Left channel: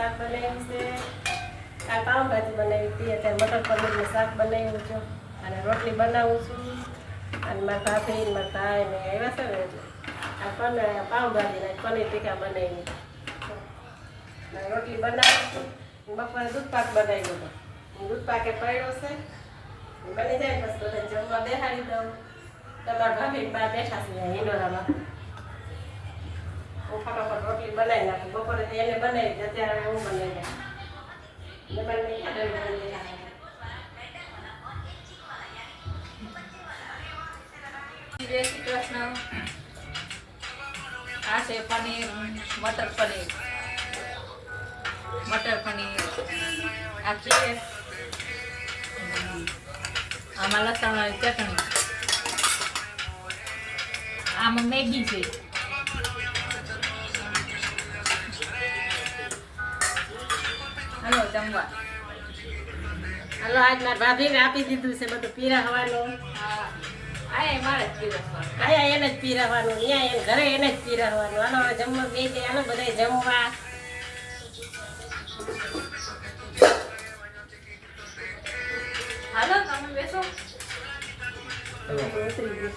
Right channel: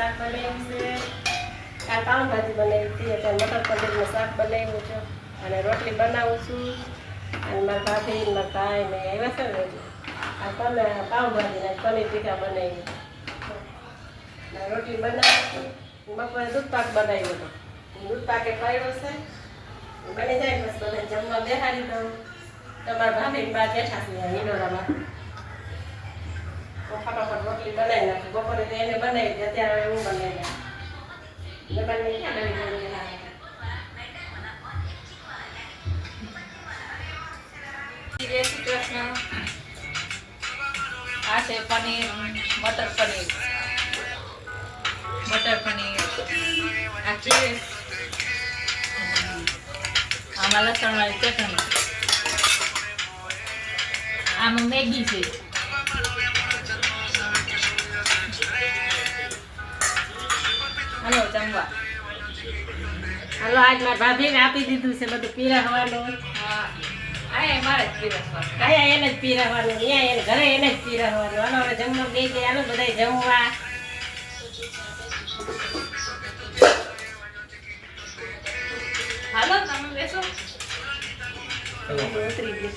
શાક બનાવ્યું છે. કાલ પાઉંભાજી બનાવી હતી, અત્યારે મટર પનીરનું શાક બનાવ્યું છે અને રોટલી બનાવું છું. અને મારા ભાભી મારા ભાઈ ને આવ્યા છે ને આ પાઉંભાજી ને પનીર ટીકા બનાવી. રોટલી બનાવું છું. બપોરે દૂધ પાક બનાવ્યો હતો. દૂધ પાકે પડ્યો છે, બની જાય બસ બધા જમવા બેહાડી દઉં. તમારા ભાભી બહાર બેઠા છે હિંડોરામાં. હું ફટાફટ રોટલી બનાવી નાખું. બપોરે તો એને બનાવી હતી, અત્યારે હું બનાવી જય શ્રી કૃષ્ણ. આ છે પનીર, મટર પનીર. આ છે આમાં લસણ વાળી ચટણી. આમાં મેગી છે. હાલો જમવા. હાલો આજ મારા ભાભીને આપી દીધું છે બધું પીરસવાનું. આ મારે જ પીરસવાનું. અહીંયા એને જ પીરસવાનું, અહીંયા એને ઘરે એને જ પીરસવાનું. હાલો હવે જમવા બે ગયા, હાલો બધા જમવા. હાલો તમે બેસો. ઉતરી ગઈ.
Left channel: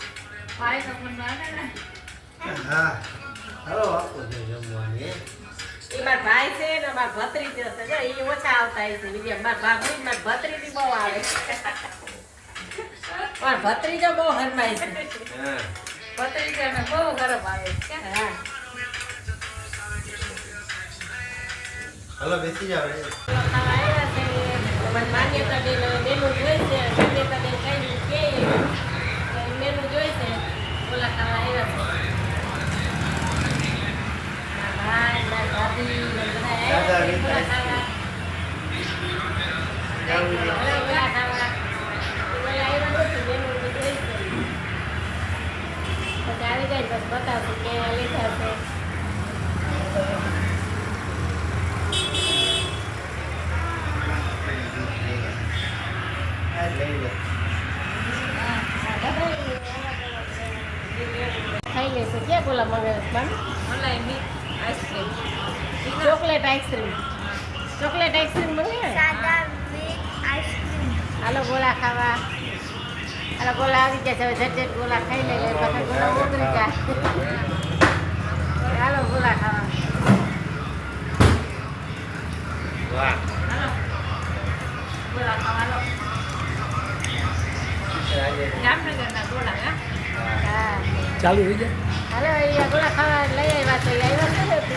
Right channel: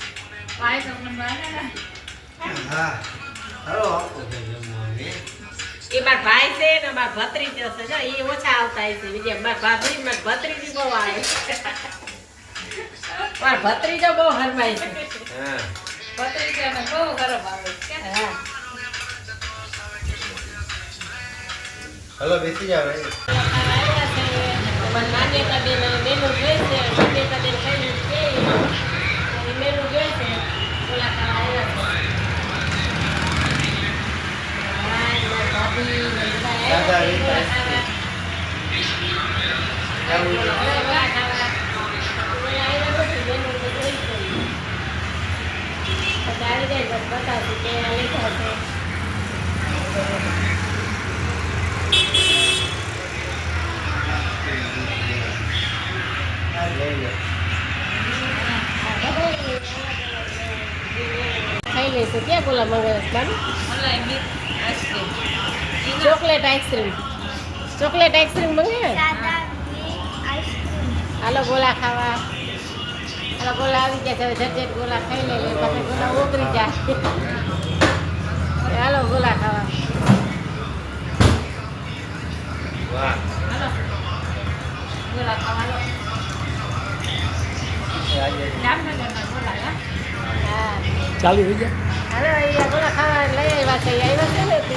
પાય તમને બાને ને. હા હાલો આપો છે જમવાની. એ મારા ભાઈ છે ને મારા ભત્રીજો છે, જો એ ઓછા આવતા છે બીજા. મારા ભાભી મારા ભત્રીજી બહુ આવે. મારા ભત્રીજો બહુ હરમાય છે. હા ભત્રીજાને બહુ ગરમ આવે છે. હા હાલો બેસી જાવ રે. આવ્યા છે માન્યતા બેન મેનુ જોઈ છે. માન્યતા બેન કઈ કે મેનુ જોઈ છે. ઓલા ખાવા આવ્યા છે. હા મારા ભાભી દાદા બધા રીત ઓલા ખાવા ઓલા આવ્યા નથી. મેનુ જોઈ છે. પછી આવી જાય બસ બતાવશું કે લીધા છે. લઈ લે. ખાઈ લઈશું. ક્યાં બોલા મંગાવ્યા છે મલાઈ મીઠ ice cream. Chocolate ice cream. Chocolate ice cream મંગાવ્યા. હાલો ગોલા ખાવા. હાલો ગોલા આવી જાય છે. હવે ઝટ ગોલા ખાઈ લઈએ પછી ગોલા ઉતરી જાય. હાલો ગોલા ખાવા. વાહ ગોળા ખાવાનો. આજે જામનગરના ગોળા હે. હા ચાલુ થઈ જાય. હાલો અહીંયા ગોલા ખાવા લઈ આવ્યા છે. આવ્યા છે ને તે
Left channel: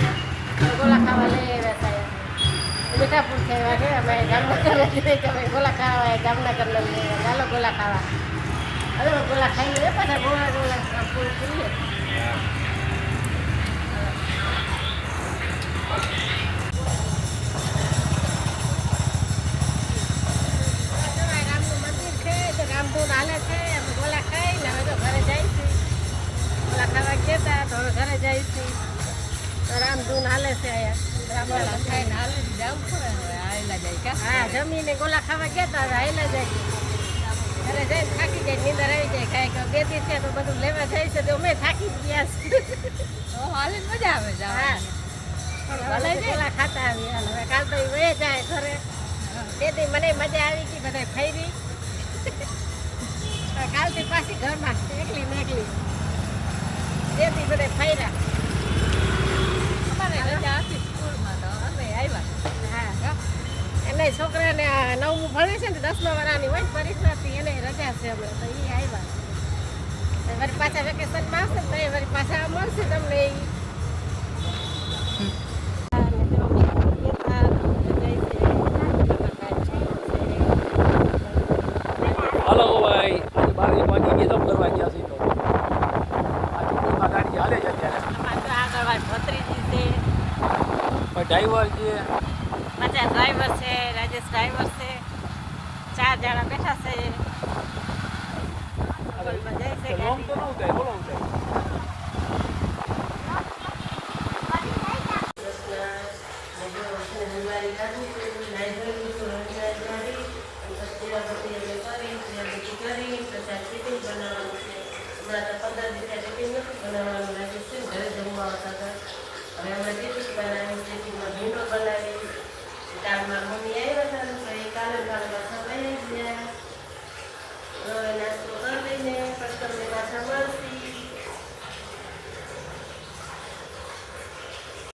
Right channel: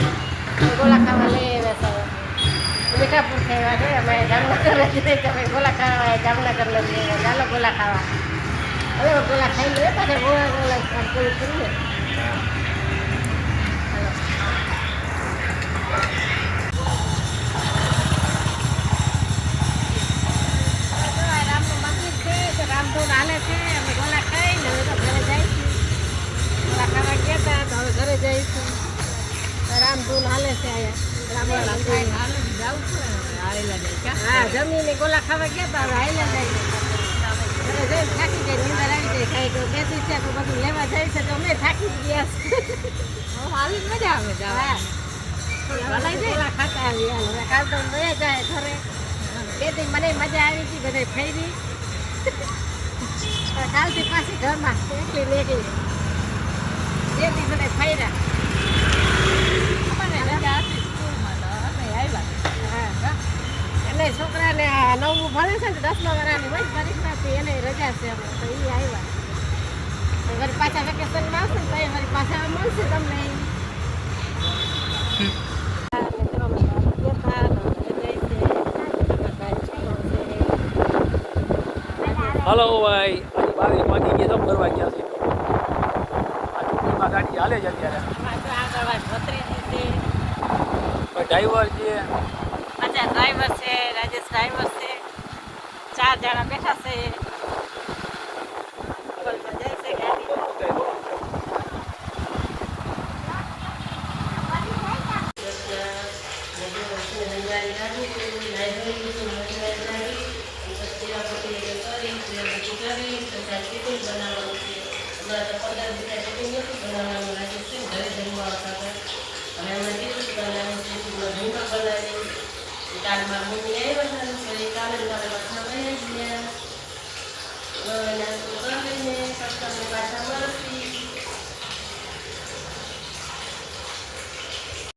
ગોલા ખાવા લઈ આવ્યા છે. મીઠાપુર ખાવા છે. અમે જામનગર જઈએ તમે ગોલા ખાવા જામનગર લઈ આવ્યા. ચાલો ગોલા ખાવા. હવે ગોલા ખાઈ લઈએ પછી ગોલા પૂરું કરીએ. રામનું મંદિર છે તો રામધૂન હાલે છે. અમે ગોલા ખાઈને હવે તો ઘરે જઈશું. ગોલા ખાવા ગયા તો હવે ઘરે જઈશું. તો રામધૂન હાલે છે અહીંયા. ગોળા ખાઈને હાલો જાવું છે ને હવે આયેલા જાય ક્યાં. હા જમીને ગોલા ખાવા ગયા હતા. હવે હાઈલા જાય ઘરે જઈને થાકી જાય. નીંદર આવી જાય. કાંઈ કોઈ કહેતી છે તો બધું લેવા જાય છે તો અમે થાકી જ ગયા છે. ઓ હાલે મજા આવે હા જવાની. ગોલા ખાતા આવી હાલ. હવે કાલ તો વહે જાય ઘરે. તેથી મને મજા આવી હતી. બધા ખાઈ રહી. કાલથી પાછી ઘરમાં એકલી ને એકલી. જેથી બધા ફર્યા. અમારે રજા હતી સ્કૂલમાં તો અમે આવ્યા. એને છોકરાને 9મું ભણે છે ને 10મા વાળાની હોય પરીક્ષાથી એને રજા છે અમે તો એ આવ્યા. વર પાછા વેકેશનમાં આવશે ને તો એ વર પાછા મળશું તમને. હાલો ભાઈ, આજે 22 વાગી ગયા તો ફરવા ગયા છે. આ ડુંગરમાં ગાડી હાલે છે અત્યારે. આગળ ભત્રીજી છે. પણ ડ્રાઈવર છે. પાછા ડ્રાઈવર છે. રાજેશ ડ્રાઈવર છે. 4 જણા બેઠા છે. નામ તો ન થાય, બોલો ને. બનાવવાનું લાગે છે. ઘરે જમવા આવતા હતા. હવે અમે ટીપી બનાવી, ટીપીમાં ભૂંગળ બનાવી. કાલ મારા મમ્મી આવ્યા હતા ને તો એ કાલે જ મારે લખવા વહી ગયા